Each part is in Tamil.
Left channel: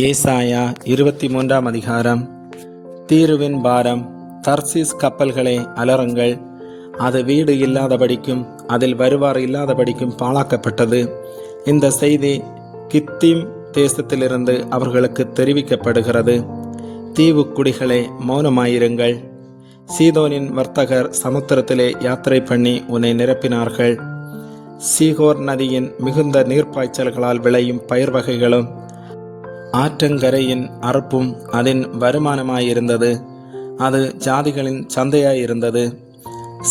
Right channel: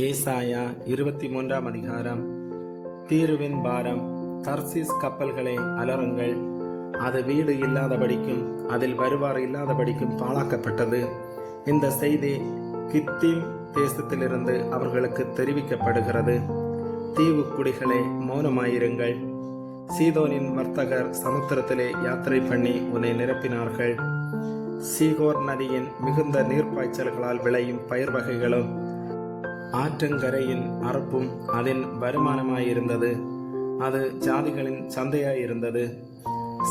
ஏசாயா 23 அதிகாரம். தீருவின் பாரம். தர்சீஸ் கப்பல்களே அலறுங்கள், அது வீடு இல்லாதபடிக்கும் அதில் வருவார் இல்லாதபடிக்கும் பாழாக்கப்பட்டது. இந்த செய்தி கித்தீம் தேசத்திலிருந்து அவர்களுக்கு தெரிவிக்கப்படுகிறது. தீவு குடிகளே மௌனமாயிருங்கள். சீதோனின் வர்த்தகர் சமுத்திரத்திலே யாத்திரை பண்ணி உன்னை நிரப்பினார்கள். சீகோர் நதியின் மிகுந்த நீர்ப்பாய்ச்சல்களால் விளையும் பயிர் வகைகளும் ஆற்றங்கரையின் அறுப்பும் அதன் வருமானமாயிருந்தது. அது ஜாதிகளின் சந்தையாயிருந்தது.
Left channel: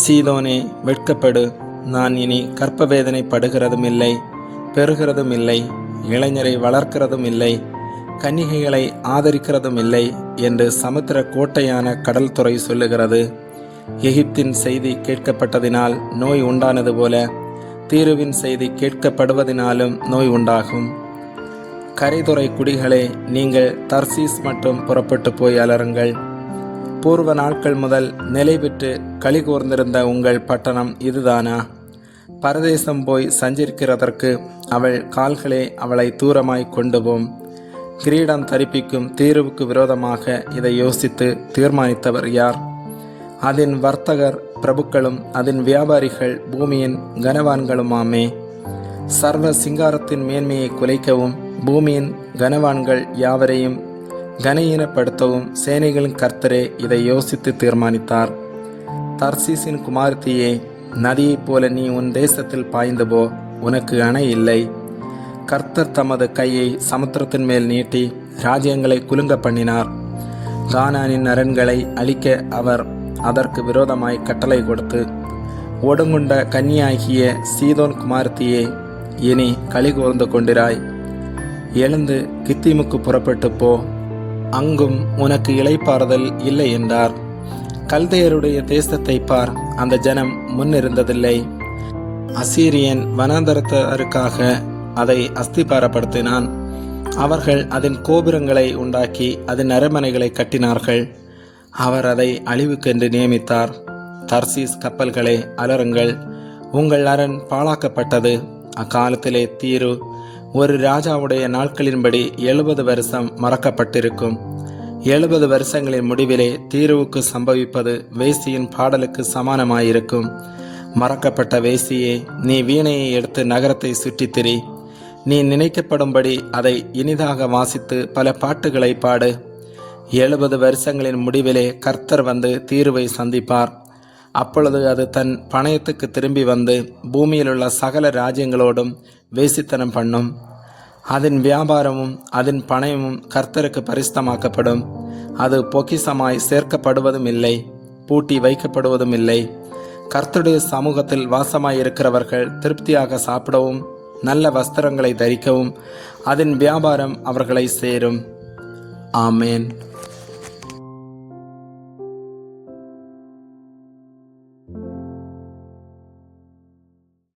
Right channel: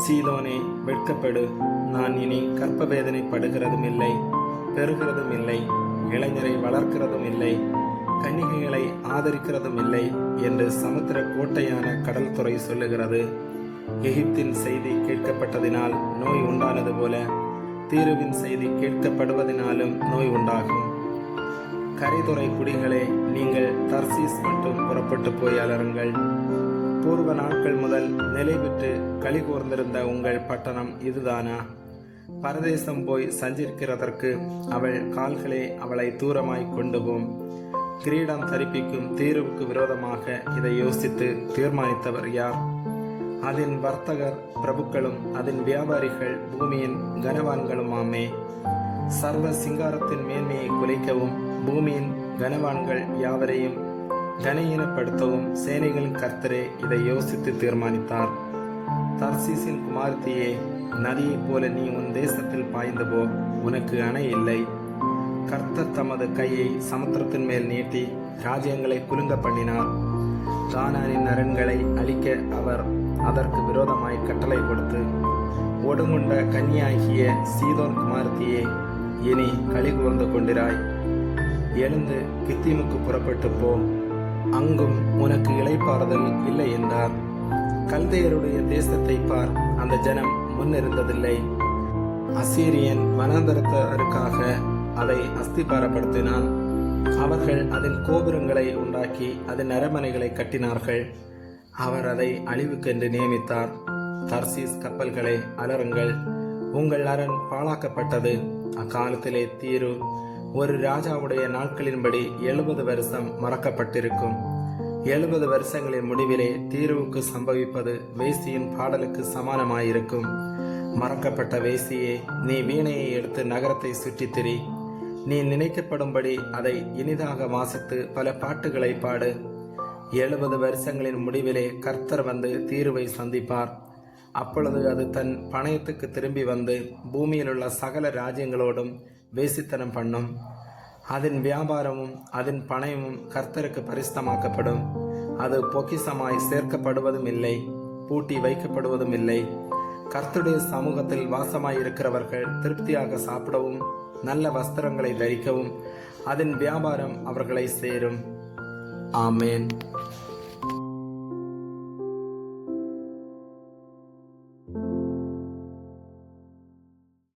சீதோனே வெட்கப்படு, நான் இனி கற்ப வேதனைப்படுகிறதும் இல்லை, பெறுகிறதும் இல்லை, இளைஞரை வளர்க்கிறதும் இல்லை, கன்னிகைகளை ஆதரிக்கிறதும் இல்லை என்று சமுத்திர கோட்டையான கடல் துறை சொல்லுகிறது. எகிப்தின் செய்தி கேட்கப்பட்டதினால் நோய் உண்டானது போல தீருவின் செய்தி கேட்கப்படுவதினாலும் நோய் உண்டாகும். கரைதுறை குடிகளே, நீங்கள் தர்சீஸ் மட்டும் புறப்பட்டு போய் அலருங்கள். பூர்வ நாட்கள் முதல் நிலை பெற்று களி கூர்ந்திருந்த உங்கள் பட்டணம் இதுதானா? பரதேசம் போய் சஞ்சரிக்கிறதற்கு அவள் கால்களே அவளை தூரமாய் கொண்டு போம். கிரீடம் தரிப்பிக்கும் தீருவுக்கு விரோதமாக இதை யோசித்து தீர்மானித்தவர் யார்? அதன் வர்த்தகர் பிரபுக்களும் அதன் வியாபாரிகள் பூமியின் கனவான்களுமாமே. சர்வ சிங்காரத்தின் மேன்மையை குலைக்கவும் பூமியின் கனவான்கள் யாவரையும் கனஈனப்படுத்தவும் சேனைகளின் கர்த்தரே இதை யோசித்து தீர்மானித்தார். தர்சீசின் குமாரத்தியே, நதியைப் போல நீ உன் தேசத்தில் பாய்ந்து போ, உனக்கு அணை இல்லை. கர்த்தர் தமது கையை சமுத்திரத்தின் மேல் நீட்டி ராஜ்யங்களை குலுங்க பண்ணினார். கானானின் அரண்களை அழிக்க அவர் அதற்கு விரோதமாய் கட்டளை கொடுத்து, ஒடுங்குண்ட கன்னியாகிய சீதோன் குமாரத்தியே, இனி களி கூர்ந்து கொண்டிராய். எழுந்து கித்தீமுக்கு புறப்பட்டு போ, அங்கும் உனக்கு இளைப்பாறுதல் இல்லை என்றார். கல்தையருடைய தேசத்தை பார், அந்த ஜனம் முன்னிருந்ததில்லை. அசீரியன் வனாந்தரத்தருக்காக அதை அஸ்திபாரப்படுத்தினான். அவர்கள் அதன் கோபுரங்களை உண்டாக்கி அதன் அரண்மனைகளை கட்டினார்கள். அவர் அதை அழிவுக்கென்று நியமித்தார். தர்சீஸ் கப்பல்களே அலறுங்கள், உங்கள் அரண் பாழாக்கப்பட்டது. அக்காலத்திலே தீரு ஒரு ராஜாவுடைய நாட்களின்படி 70 வருஷம் மறக்கப்பட்டிருக்கும். 70 வருஷங்களின் முடிவிலே தீருவுக்கு சம்பவிப்பது வேசியின் பாடலுக்கு சமானமாயிருக்கும். மறக்கப்பட்ட வேசியே, நீ வீணையை எடுத்து நகரத்தை சுற்றித்திரி. நீ நினைக்கப்படும்படி அதை இனிதாக வாசித்து பல பாட்டுகளை பாடு. 70 வருஷங்களின் முடிவிலே கர்த்தர் வந்து தீருவை சந்திப்பார். அப்பொழுது அது தன் பணயத்துக்கு திரும்பி வந்து பூமியிலுள்ள சகல ராஜ்யங்களோடும் வேசித்தனம் பண்ணும். அதன் வியாபாரமும் அதன் பணயமும் கர்த்தருக்கு பரிசுத்தமாக்கப்படும். அது பொக்கிசமாய் சேர்க்கப்படுவதும் இல்லை, பூட்டி வைக்கப்படுவதும் இல்லை. கர்த்தருடைய சமூகத்தில் வாசமாயிருக்கிறவர்கள் திருப்தியாக சாப்பிடவும் நல்ல வஸ்திரங்களை தரிக்கவும் அதன் வியாபாரம் அவர்களை சேரும். ஆமேன்.